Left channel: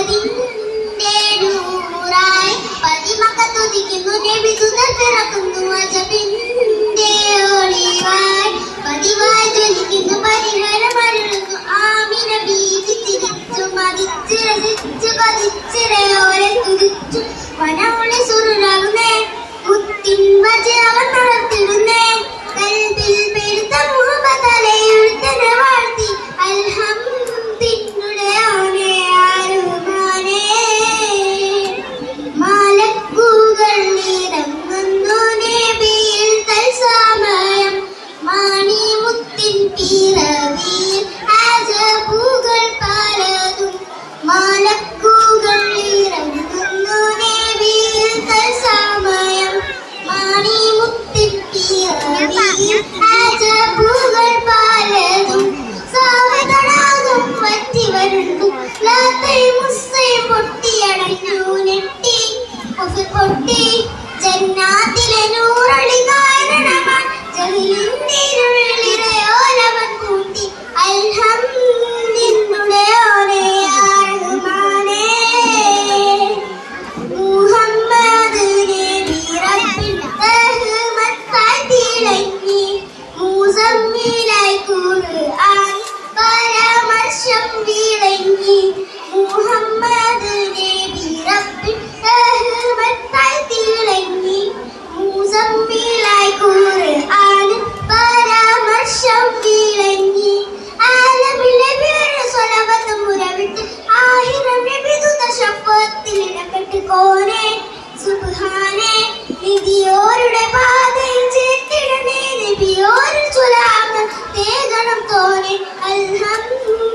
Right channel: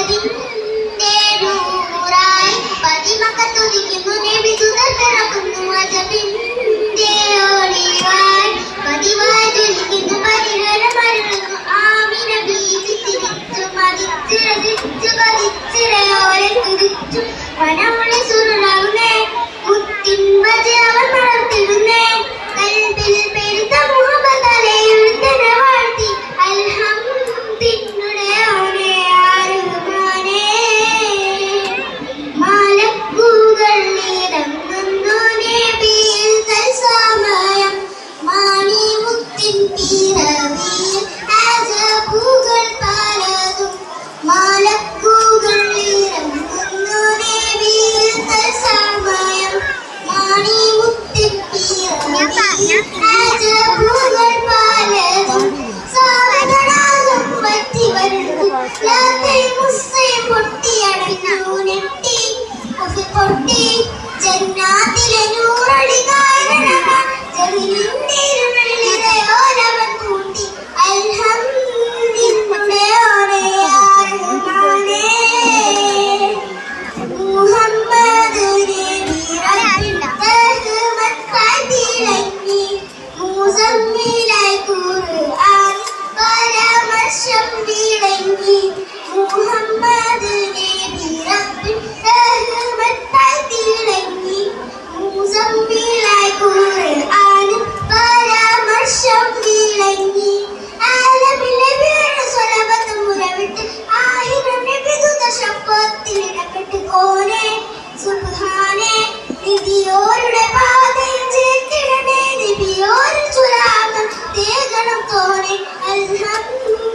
അതിന്റെ നൂറായി പതിമക്കത്തുതിക്കുന്നു നബി സുതർ പിറക്കുന്നു അജബിന്റെ ഒളിവായി പതിവായി ജ്വലിക്കുന്നു പതിനരമരുന്നു ആമിന ബീവി തിരിച്ചു മതിച്ചു രസിച്ചു പതിച്ചിരയോരെ തുതിച്ചു വനമുളി സുരുളാവുന്നേ മുത്തിൻ വജ അവർ നടത്തിടുന്നേ കൽബിൽ പെരുത്ത മുഹബത്തലെ എഴുത്തന വാഴ്ത്തി അൽഹംദിനുടെ ഓനെ ആരുമാനേ മാലക്കൂകൾ നിറങ്ങുന്നു നബിയിൽ തൽസമയം മാണി മുത്തിൻ പിറവിയിൽ അജബുകൾ പലതും മാലക്കൂകൾ നിറങ്ങുന്നു നബിയിൽ തൽസമയം മാണി മുത്തിൻ പിറവിയിൽ അജബുകൾ പലതും സാഗതടാകം വറ്റി വരുന്നു ലാത്തൈ മുസ്സൈ പൊട്ടിയടഞ്ഞു നെട്ടി പൊട്ടി ജന്നാത്തിലെ നൂറളി കാരണമാണ് ജഹിലിന്റെ ഇരുളിരയോലവൻ കൂട്ടി അൽഹംദിനുടെ ഓരയാറുമാനേ മുഹമ്മദ് നബി റബ്ബിൽ റഹ്മത്തായി തിളങ്ങി മുസമ്മിലായി ഖുർആൻ പരമർശം വിളങ്ങി മുഹമ്മദ് നബി റബ്ബിൽ റഹ്മത്തായി തിളങ്ങി മുസമ്മിലായി ഖുർആൻ പരമർശം വിളങ്ങി ആലമിലെ വീട് സ്വലഭത്ത് മുലവിട്ട് ആയിരം നബിദൂത ശഫാത്തിൽ ഇടപെട്ട് കോനെ സുബ്ഹാനേ നിധിയോരുടെ പാതയിൽ ചേർത്തിടണേ നബിയോരിൽ സുലാമം തേകണം തോനെ അൽഹംദുലില്ലാഹ്